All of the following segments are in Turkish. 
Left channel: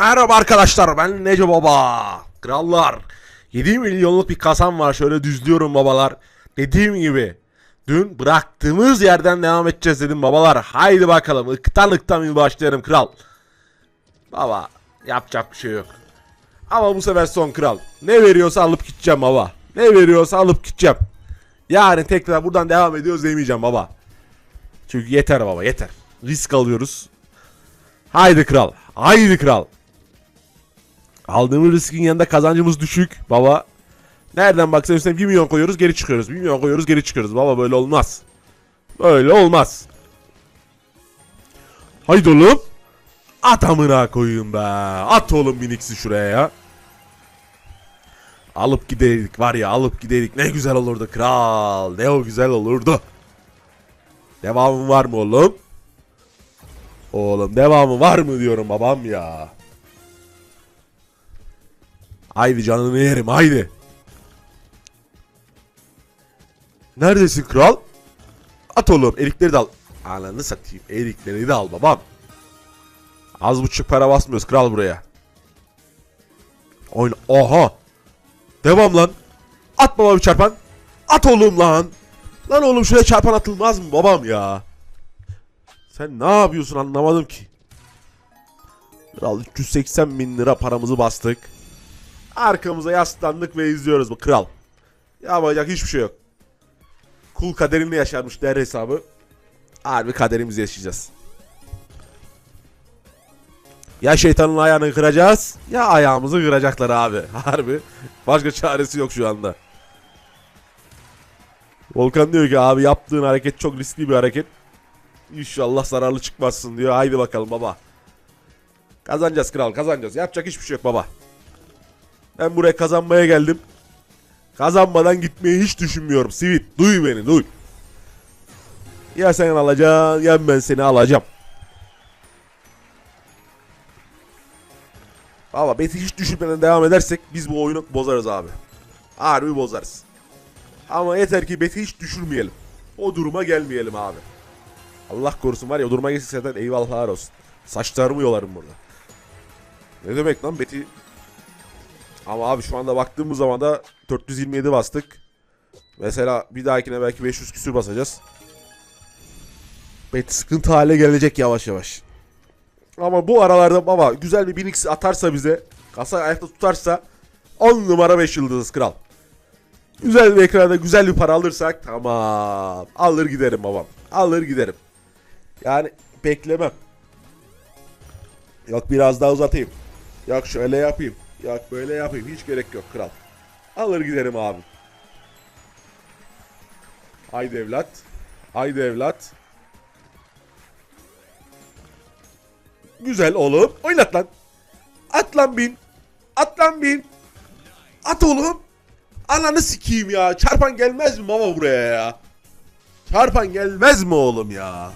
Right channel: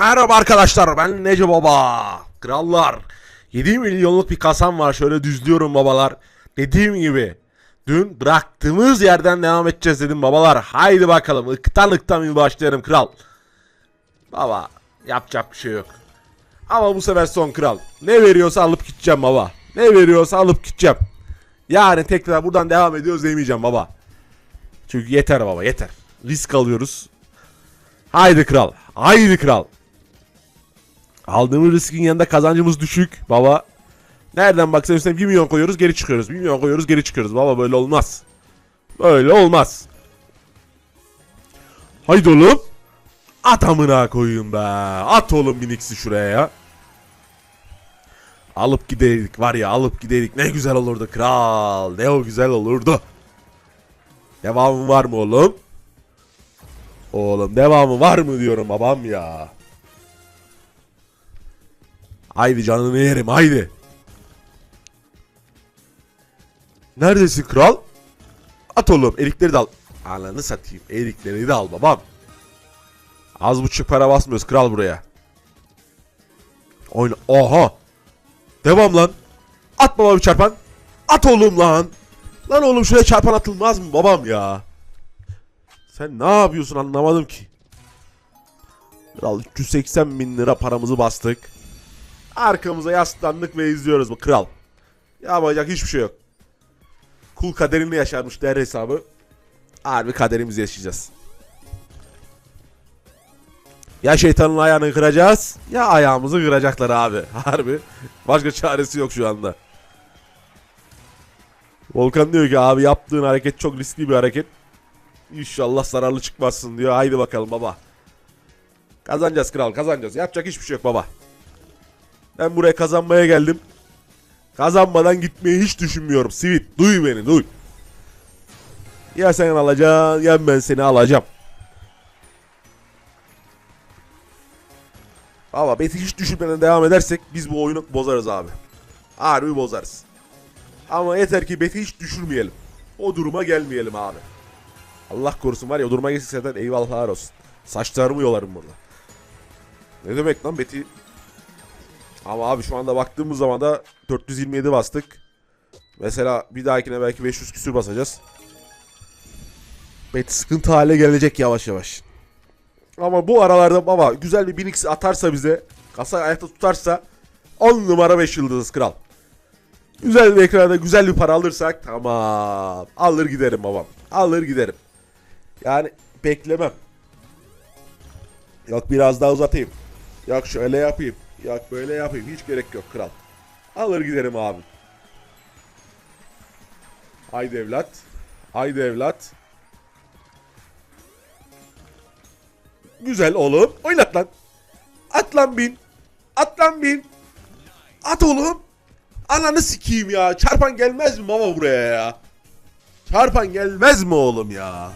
Merhaba arkadaşlar ben Nece Baba. Krallar. 7 milyonluk bir kasam var şöyle düzlüyorum babalar. Dediğim gibi dün bıraktığımız yerden devam edeceğiz dedim babalar. Haydi bakalım ıktan ıktan bir başlayalım kral. Baba yapacak bir şey yok. Ama bu sefer son kral. Ne veriyorsa alıp gideceğim baba. Ne veriyorsa alıp gideceğim. Yani tekrar buradan devam ediyoruz demeyeceğim baba. Çünkü yeter baba yeter. Risk alıyoruz. Haydi kral. Haydi kral. Aldığımız riskin yanında kazancımız düşük baba. Nereden baksan üstüne 1 milyon koyuyoruz geri çıkıyoruz. 1 milyon koyuyoruz geri çıkıyoruz. Baba böyle olmaz. Böyle olmaz. Haydi oğlum. At amına koyayım be. At oğlum miniksi şuraya ya. Alıp giderik var ya alıp giderik. Ne güzel olurdu kral. Ne o güzel olurdu. Devamı var mı oğlum? Oğlum devamı var mı diyorum babam ya. Haydi canını yerim haydi. Neredesin kral? At oğlum erikleri de al. Ananı satayım eriklerini de al babam. Az buçuk para basmıyoruz kral buraya. Oyna. Oha. Devam lan. At bana bir çarpan. At oğlum lan. Lan oğlum şuraya çarpan atılmaz mı babam ya? Sen ne yapıyorsun anlamadım ki. Kral 380 bin lira paramızı bastık. Arkamıza yaslandık ve izliyoruz bu kral. Yapacak hiçbir şey yok. Kul kaderimle yaşarmış der hesabı. Harbi kaderimizi yaşayacağız. Ya şeytanın ayağını kıracağız ya ayağımızı kıracaklar abi. Harbi. Başka çaresi yok şu anda. Volkan diyor ki abi yaptığın hareket çok riskli bir hareket. İnşallah zararlı çıkmazsın diyor. Haydi bakalım baba. Kazanacağız kral kazanacağız. Yapacak hiçbir şey yok baba. Ben buraya kazanmaya geldim. Kazanmadan gitmeyi hiç düşünmüyorum. Sivit duy beni duy. Ya sen alacaksın ya ben seni alacağım. Ama beti hiç düşünmeden devam edersek biz bu oyunu bozarız abi. Harbi bozarız. Ama yeter ki beti hiç düşürmeyelim. O duruma gelmeyelim abi. Allah korusun var ya o duruma geçseden eyvallah olsun. Saçlarımı yolarım burada. Ne demek lan beti? Ama abi şu anda baktığımız zaman da 427 bastık. Mesela bir dahakine belki 500 küsür basacağız. Beti sıkıntı hale gelecek yavaş yavaş. Ama bu aralarda baba güzel bir 1000x atarsa bize, kasa ayakta tutarsa 10 numara 5 yıldız kral. Güzel bir ekranda güzel bir para alırsak tamam. Alır giderim babam. Alır giderim. Yani beklemem. Yok biraz daha uzatayım. Yok şöyle yapayım. Yok böyle yapayım. Hiç gerek yok kral. Alır giderim abi. Haydi evlat. Haydi evlat. Güzel oğlum. Oynat lan. At lan bin. At lan bin. At oğlum. Ananı sikeyim ya. Çarpan gelmez mi baba buraya ya? Çarpan gelmez mi oğlum ya?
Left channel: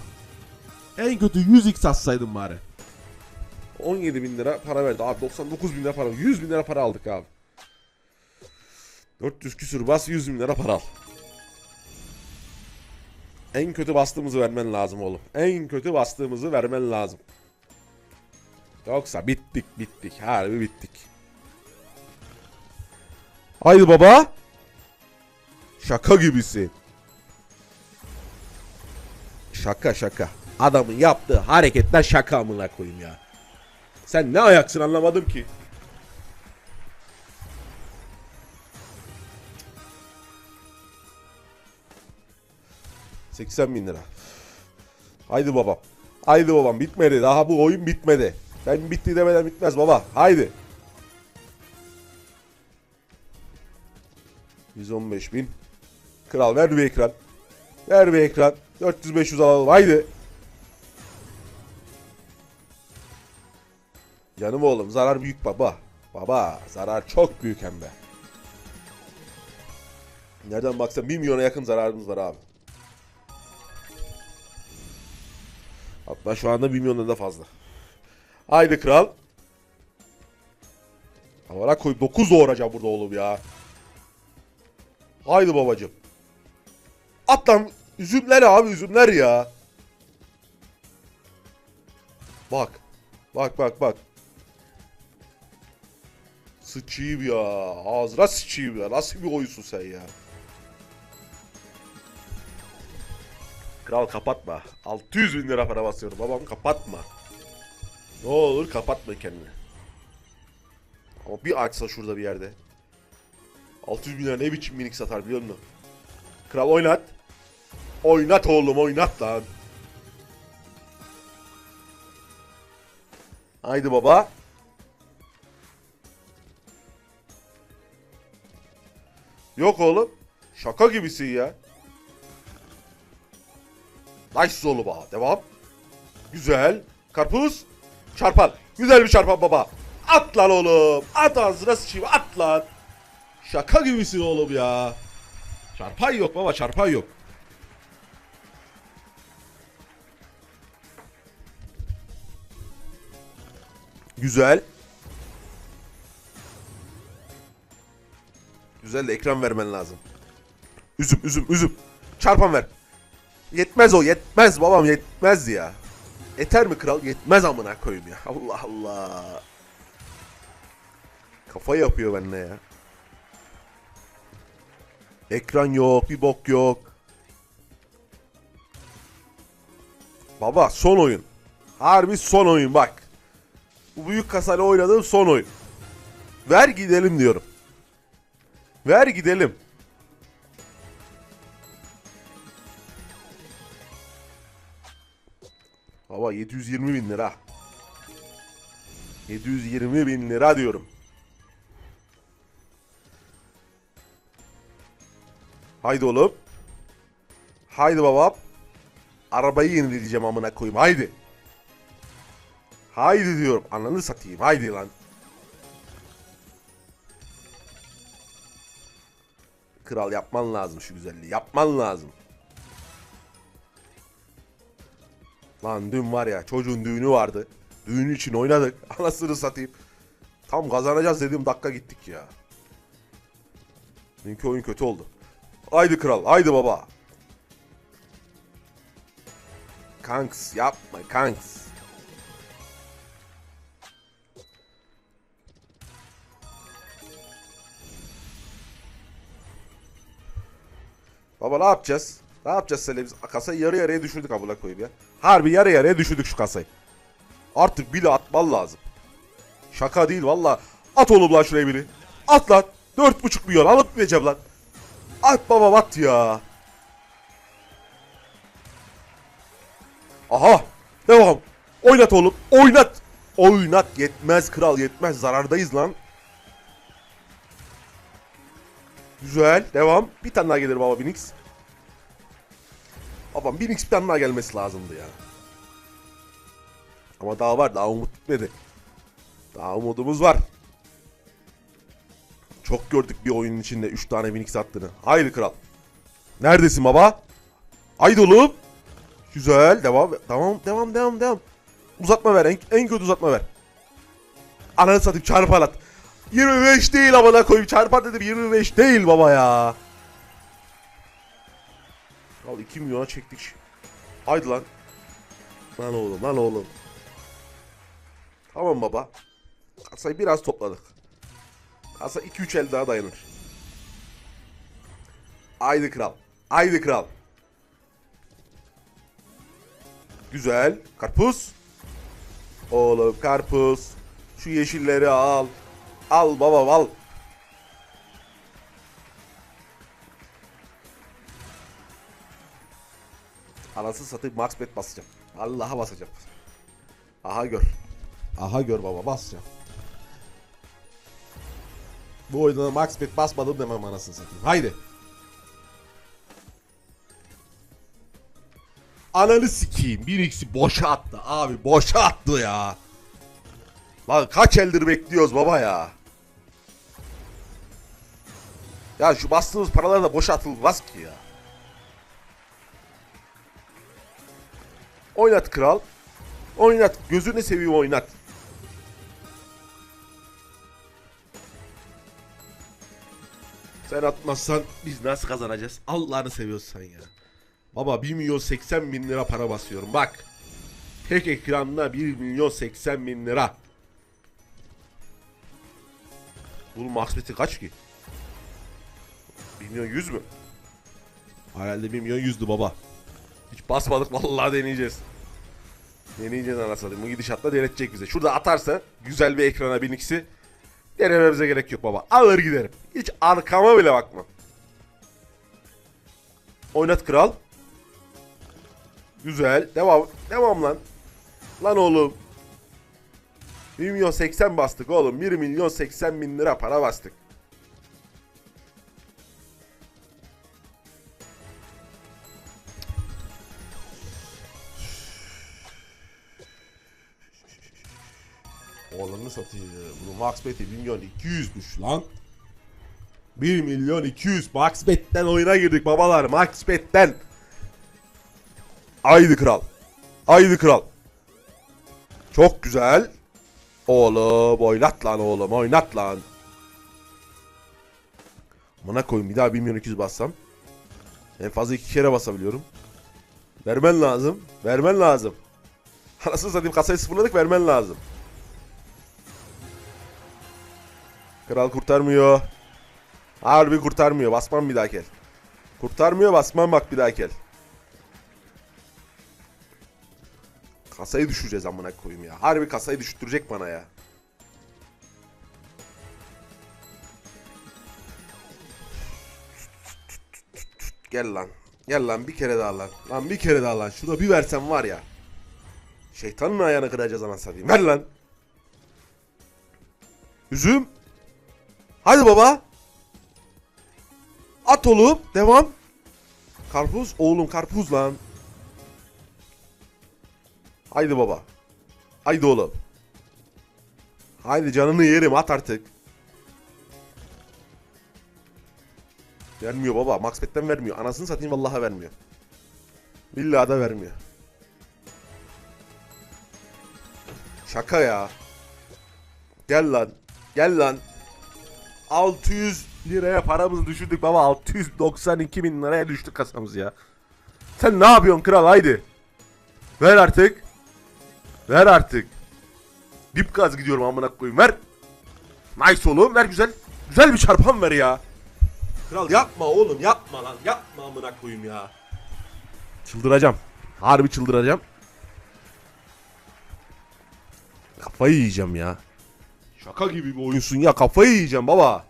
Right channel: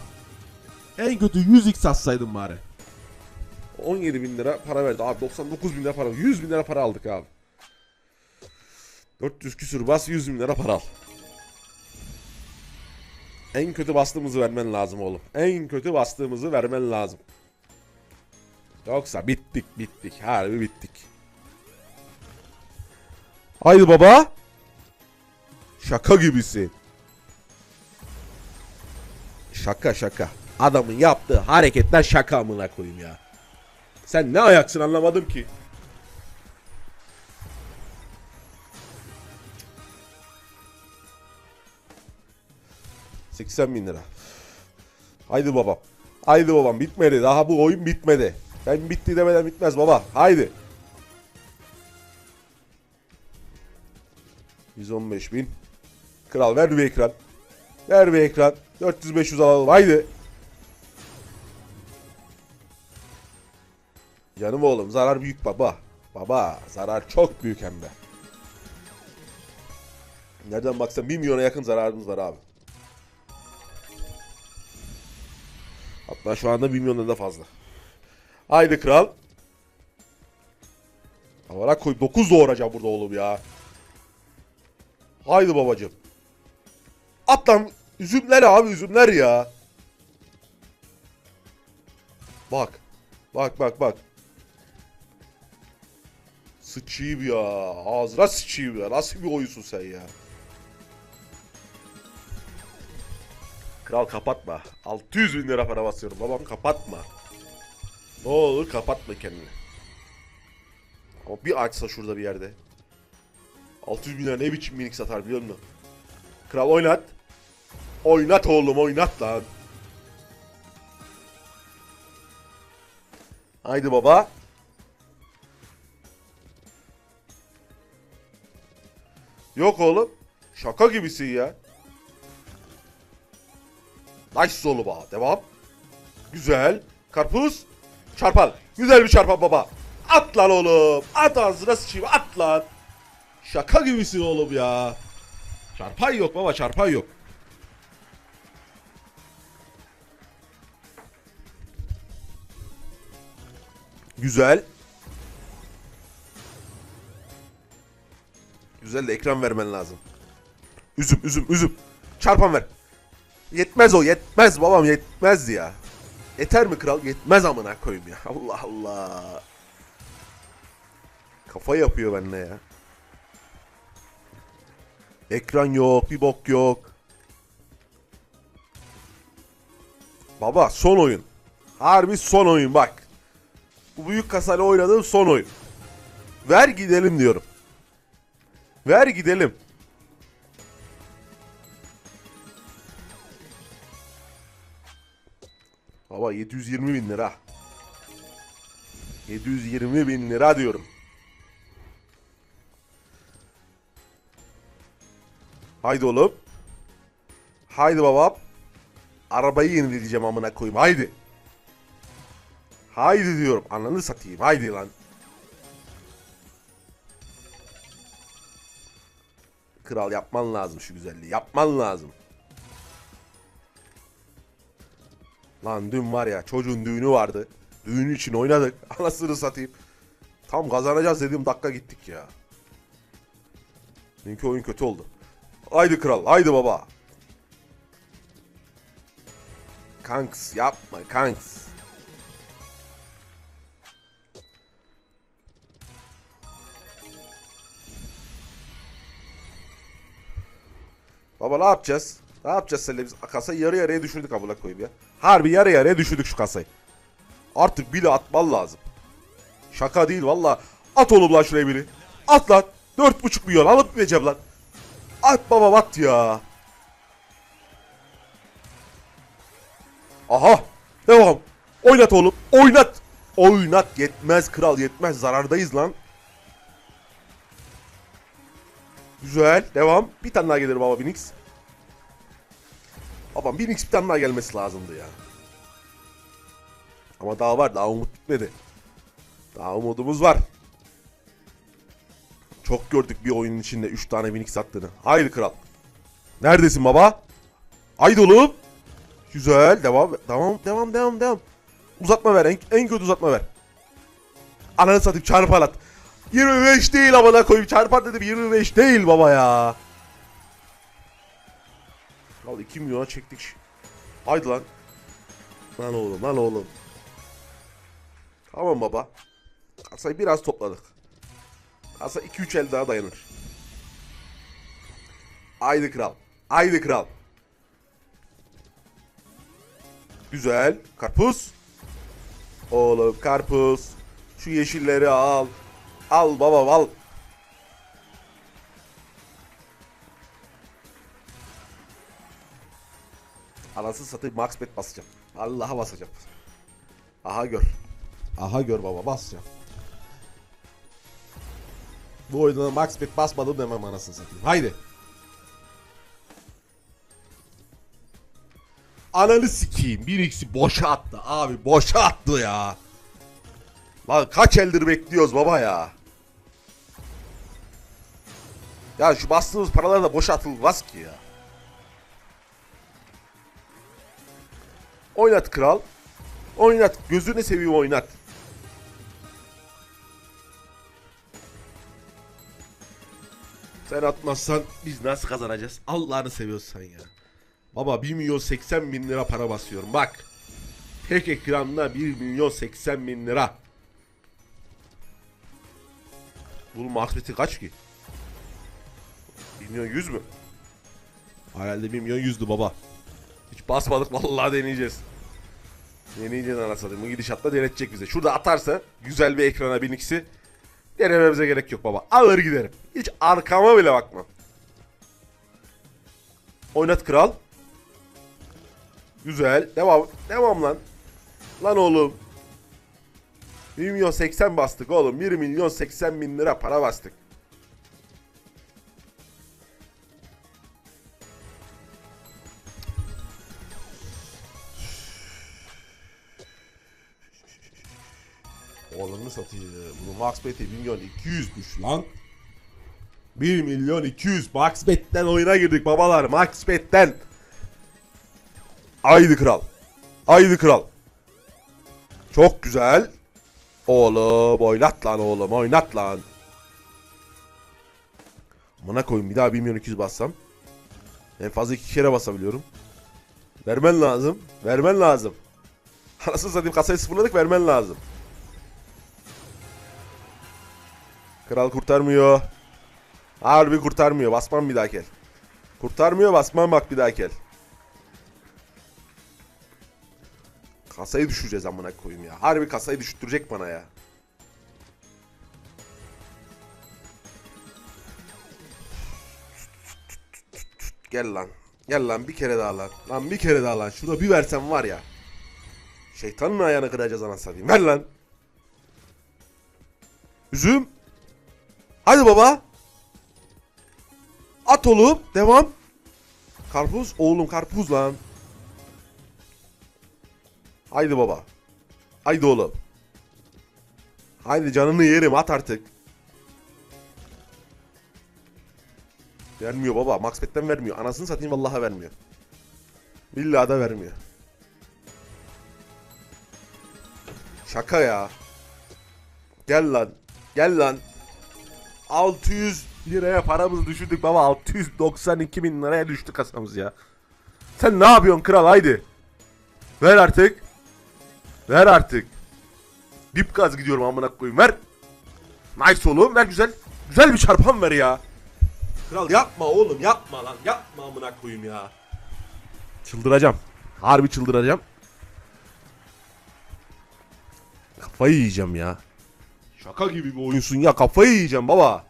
En kötü 100x atsaydım bari. 17 bin lira para verdi. Abi 99 bin lira para. 100 bin lira para aldık abi. 400 küsür bas 100 bin lira para al. En kötü bastığımızı vermen lazım oğlum. En kötü bastığımızı vermen lazım. Yoksa bittik bittik. Harbi bittik. Haydi baba. Şaka gibisin. Şaka şaka. Adamın yaptığı hareketler şaka amına koyayım ya. Sen ne ayaksın anlamadım ki. ...80 bin lira. Haydi babam. Haydi babam bitmedi. Daha bu oyun bitmedi. Ben bitti demeden bitmez baba. Haydi. 115 bin. Kral ver bir ekran. Ver bir ekran. 400-500 alalım. Haydi. Canım oğlum zarar büyük baba. Baba zarar çok büyük hem de. Nereden baksan 1 milyona yakın zararımız var abi. Hatta şu anda 1 milyondan da fazla. Haydi kral. Amına koy 9 doğuracağım burada oğlum ya. Haydi babacım. At lan. Üzümler abi üzümler ya. Bak. Bak bak bak. Sıçayım ya. Ağzına sıçayım ya. Nasıl bir oyunsun sen ya? Kral kapatma. 600 bin lira para basıyorum. Babam kapatma. Ne olur kapatma kendini. Ama bir açsa şurada bir yerde. 600 bin lira ne biçim minik satar biliyor musun? Kral oynat. Oynat oğlum oynat lan. Haydi baba. Yok oğlum. Şaka gibisin ya. Oğlum ha. Devam. Güzel. Karpuz. Çarpan. Güzel bir çarpan baba. At lan oğlum. At ağzına sıçayım. At lan. Şaka gibisin oğlum ya. Çarpan yok baba çarpan yok. Güzel. Güzel de ekran vermen lazım. Üzüm üzüm üzüm. Çarpan ver. Yetmez o yetmez babam yetmez ya. Yeter mi kral? Yetmez amına koyayım ya. Allah Allah. Kafa yapıyor benimle ya. Ekran yok, bir bok yok. Baba son oyun. Harbi son oyun bak. Büyük kasayla oynadığım son oyun. Ver gidelim diyorum. Ver gidelim. Baba 720 bin lira. 720 bin lira diyorum. Haydi oğlum. Haydi babam. Arabayı yenileyeceğim amına koyayım. Haydi. Haydi diyorum. Ananı satayım. Haydi lan. Kral yapman lazım şu güzelliği. Yapman lazım. Lan dün var ya çocuğun düğünü vardı. Düğün için oynadık. Anasını satayım. Tam kazanacağız dediğim dakika gittik ya. Dünkü oyun kötü oldu. Haydi kral, haydi baba. Kanks yapma kanks. Baba ne yapacağız? Ne yapacağız seninle biz? Kasayı yarı yarıya düşürdük amına koyayım ya. Harbi yarı yarıya düşürdük şu kasayı. Artık bir de atman lazım. Şaka değil valla. At oğlum lan şuraya beni. At lan. Dört buçuk milyon alıp vereceğim lan. At baba at ya. Aha. Devam. Oynat oğlum. Oynat. Oynat. Yetmez kral yetmez. Zarardayız lan. Güzel. Devam. Bir tane daha gelir baba Binix. Baba Binix bir tane daha gelmesi lazımdı ya. Ama daha var. Daha umut bitmedi. Daha umudumuz var. Çok gördük bir oyunun içinde 3 tane Minix attığını. Haydi kral. Neredesin baba? Haydi oğlum. Güzel. Devam. Devam. Devam. Devam. Devam. Uzatma ver. En, en kötü uzatma ver. Ananı satayım çarpan at. 25 değil amına koyayım. Çarpan dedim 25 değil baba ya. Al 2 milyona çektik. Haydi lan. Lan oğlum lan oğlum. Tamam baba. Kasayı biraz topladık. Kasa 2-3 el daha dayanır. Haydi kral. Haydi kral. Güzel. Karpuz. Oğlum karpuz. Şu yeşilleri al. Al baba al. Anasını satayım max bet basacağım. Allah'a basacağım. Aha gör. Aha gör baba basacağım. Bu oyuna max bet basmadım demem anasını satayım. Haydi. Ananı sikeyim. Bir x'i boşa attı abi. Boşa attı ya. Lan kaç eldir bekliyoruz baba ya. Ya şu bastığımız paralar da boşa atılmaz ki ya. Oynat kral. Oynat. Gözünü seveyim oynat. Sen atmazsan biz nasıl kazanacağız? Allah'ını seviyorsan ya. Baba 1 milyon 80 bin lira para basıyorum bak. Tek ekranda 1 milyon 80 bin lira. Bunun maksmeti kaç ki? 1 milyon 100 mü? Herhalde 1 milyon 100'dü baba. Hiç basmadık vallahi deneyeceğiz. Deneyeceğiz anasını. Bu gidişatla denetecek bize. Şurada atarsa güzel bir ekrana 1000x'i denememize gerek yok baba. Alır giderim. Hiç arkama bile bakmam. Oynat kral. Güzel. Devam. Devam lan. Lan oğlum. 1 milyon 80 bastık oğlum. 1 milyon 80 bin lira para bastık. Oğlum satayım. Bunun max bet'i 1 milyon 200'müş lan. 1 milyon 200 max bet'ten oyuna girdik babalar. Max bet'ten. Haydi kral. Haydi kral. Çok güzel. Oğlum oynat lan oğlum oynat lan. Buna koyayım bir daha 1 milyon 200 bassam. En fazla iki kere basabiliyorum. Vermen lazım. Vermen lazım. Anasını satayım kasayı sıfırladık vermen lazım. Kral kurtarmıyor. Harbin kurtarmıyor. Basmam bir daha kel. Kurtarmıyor basmam bak bir daha kel. Kasayı düşüreceğiz amına koyayım ya. Harbi kasayı düşürecek bana ya. Gel lan. Gel lan bir kere daha lan. Lan bir kere daha lan. Şuna bir versen var ya. Şeytanın ayağını kıracağız anasını satayım. Ver lan. Üzüm. Hadi baba. At oğlum. Devam. Karpuz. Oğlum karpuz lan. Haydi baba. Haydi oğlum. Haydi canını yerim at artık. Vermiyor baba. Max vermiyor. Anasını satayım vallahi vermiyor. İlla da vermiyor. Şaka ya. Gel lan. Gel lan. 600 liraya paramızı düşürdük baba. 692 bin liraya düştü kasamız ya. Sen ne yapıyorsun kral haydi. Ver artık. Ver artık. Dip gaz gidiyorum amına koyayım ver. Nice oğlum ver güzel. Güzel bir çarpan ver ya. Kral yapma oğlum yapma lan yapma amına koyayım ya. Çıldıracağım. Harbi çıldıracağım. Kafayı yiyeceğim ya. Şaka gibi bir oyunsun ya kafayı yiyeceğim baba.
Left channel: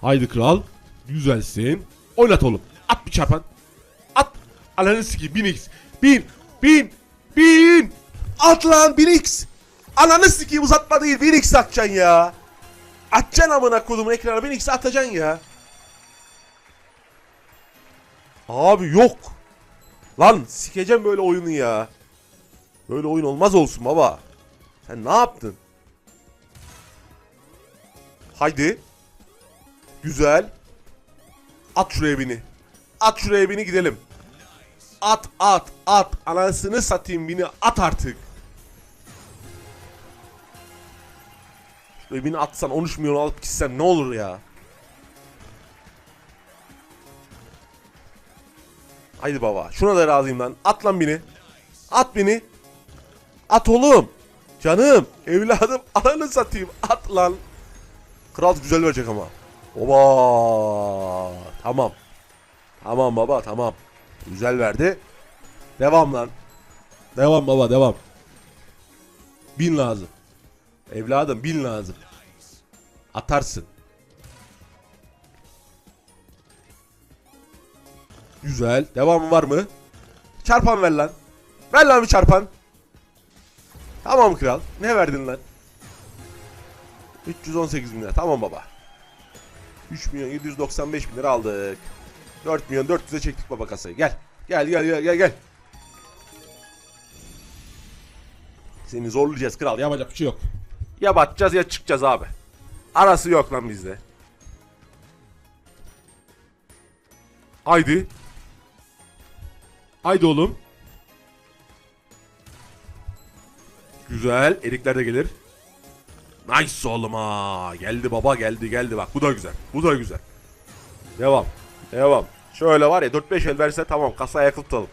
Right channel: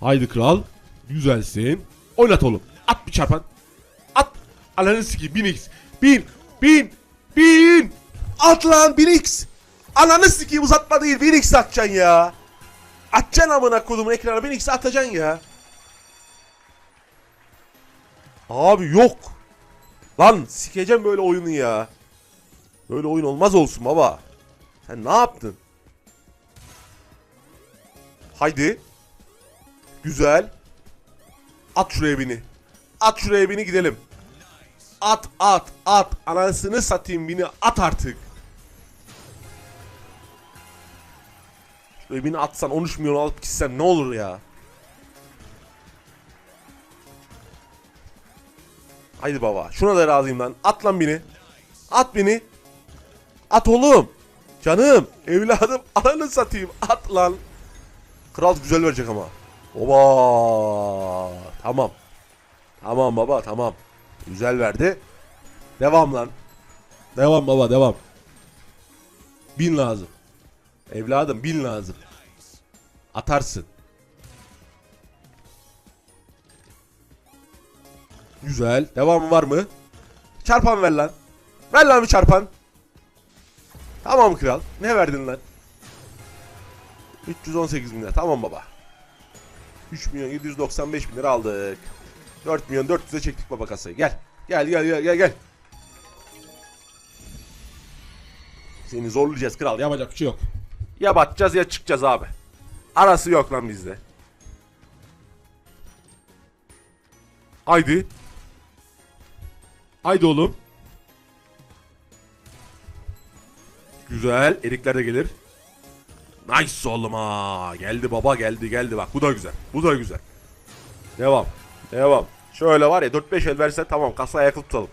Haydi kral. Güzelsin. Oynat oğlum. At bir çarpan. Ananı sikeyim 1000x. 1000. 1000. 1000. At lan 1000x. Ananı sikeyim uzatma değil 1000x atacaksın ya. Atacaksın amına koyduğumun ekrana 1000x atacaksın ya. Abi yok. Lan sikeceğim böyle oyunu ya. Böyle oyun olmaz olsun baba. Sen ne yaptın? Haydi. Güzel. At şuraya bini. At şuraya bini gidelim. At at at. Anasını satayım bini at artık. Şuraya bini atsan 13 milyon alıp gitsen ne olur ya. Haydi baba. Şuna da razıyım lan. At lan beni. At beni. At oğlum. Canım. Evladım. Ananı satayım. At lan. Kral güzel verecek ama. Oba. Tamam. Tamam baba tamam. Güzel verdi. Devam lan. Devam baba devam. Bin lazım. Evladım bin lazım. Atarsın. Güzel. Devam var mı? Çarpan ver lan. Ver lan bir çarpan. Tamam kral. Ne verdin lan? 318 bin lira. Tamam baba. 3 milyon 795 bin lira aldık. 4 milyon 400'e çektik baba kasayı. Gel. Gel gel gel gel. Seni zorlayacağız kral. Yapacak bir şey yok. Ya batacağız ya çıkacağız abi. Arası yok lan bizde. Haydi. Haydi oğlum. Güzel. Erikler de gelir. Nice oğlum ha. Geldi baba geldi geldi bak. Bu da güzel. Bu da güzel. Devam. Devam. Şöyle var ya 4-5 el verse tamam kasa ayakta tutalım.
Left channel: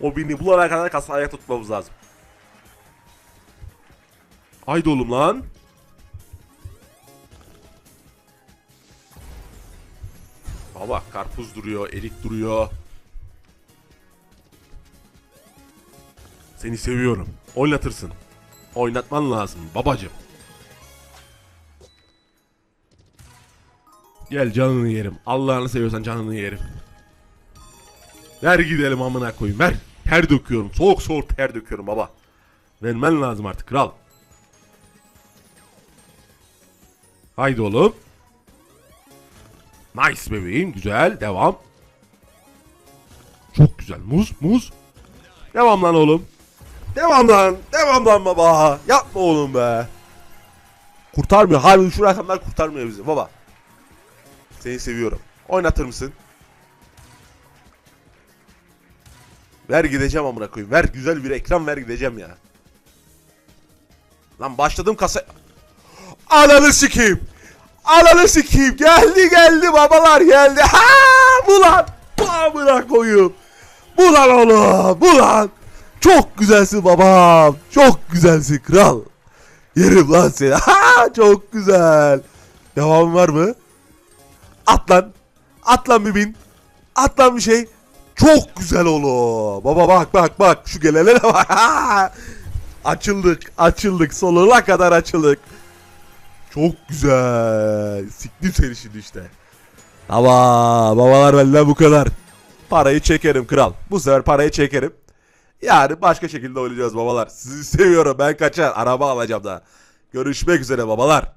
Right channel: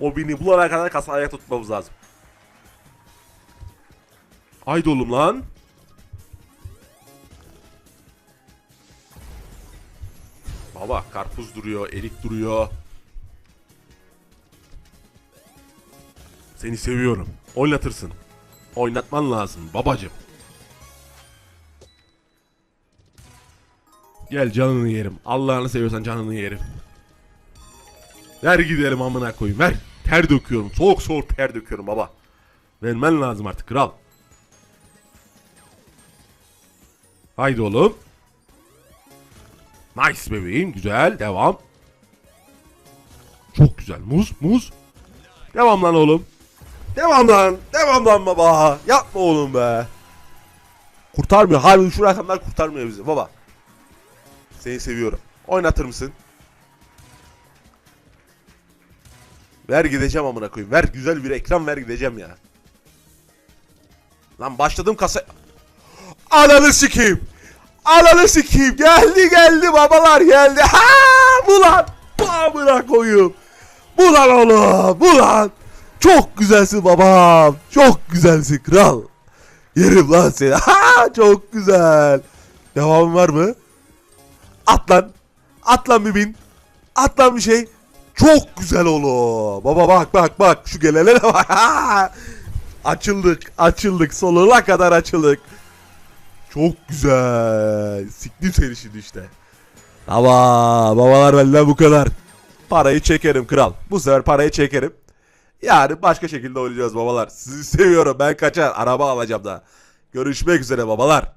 O bini bulana kadar kasa ayakta tutmamız lazım. Haydi oğlum lan. Baba karpuz duruyor, erik duruyor. Seni seviyorum. Oynatırsın. Oynatman lazım babacım. Gel canını yerim. Allah'ını seviyorsan canını yerim. Ver gidelim amına koyayım ver. Ter döküyorum. Soğuk soğuk ter döküyorum baba. Vermen lazım artık kral. Haydi oğlum. Nice bebeğim güzel devam. Çok güzel muz muz. Devam lan oğlum. Devam lan. Devam lan baba. Yapma oğlum be. Kurtarmıyor. Harbi şu rakamlar kurtarmıyor bizi baba. Seni seviyorum. Oynatır mısın? Ver gideceğim amına koyayım. Ver güzel bir ekran ver gideceğim ya. Lan başladım kasa... Ananı sikeyim. Ananı sikeyim. Geldi geldi babalar geldi. Ha bu lan. Amına koyayım. Bu lan oğlum. Bu lan. Çok güzelsin babam. Çok güzelsin kral. Yerim lan seni. Ha çok güzel. Devam var mı? At lan. At lan mümin. At lan bir şey. Çok güzel oğlum. Baba bak bak bak. Şu gelene bak. açıldık. Açıldık. Sonuna kadar açıldık. Çok güzel. Siktim seni şimdi işte. Ama babalar benden bu kadar. Parayı çekerim kral. Bu sefer parayı çekerim. Yani başka şekilde oynayacağız babalar. Sizi seviyorum. Ben kaçar. Araba alacağım da. Görüşmek üzere babalar.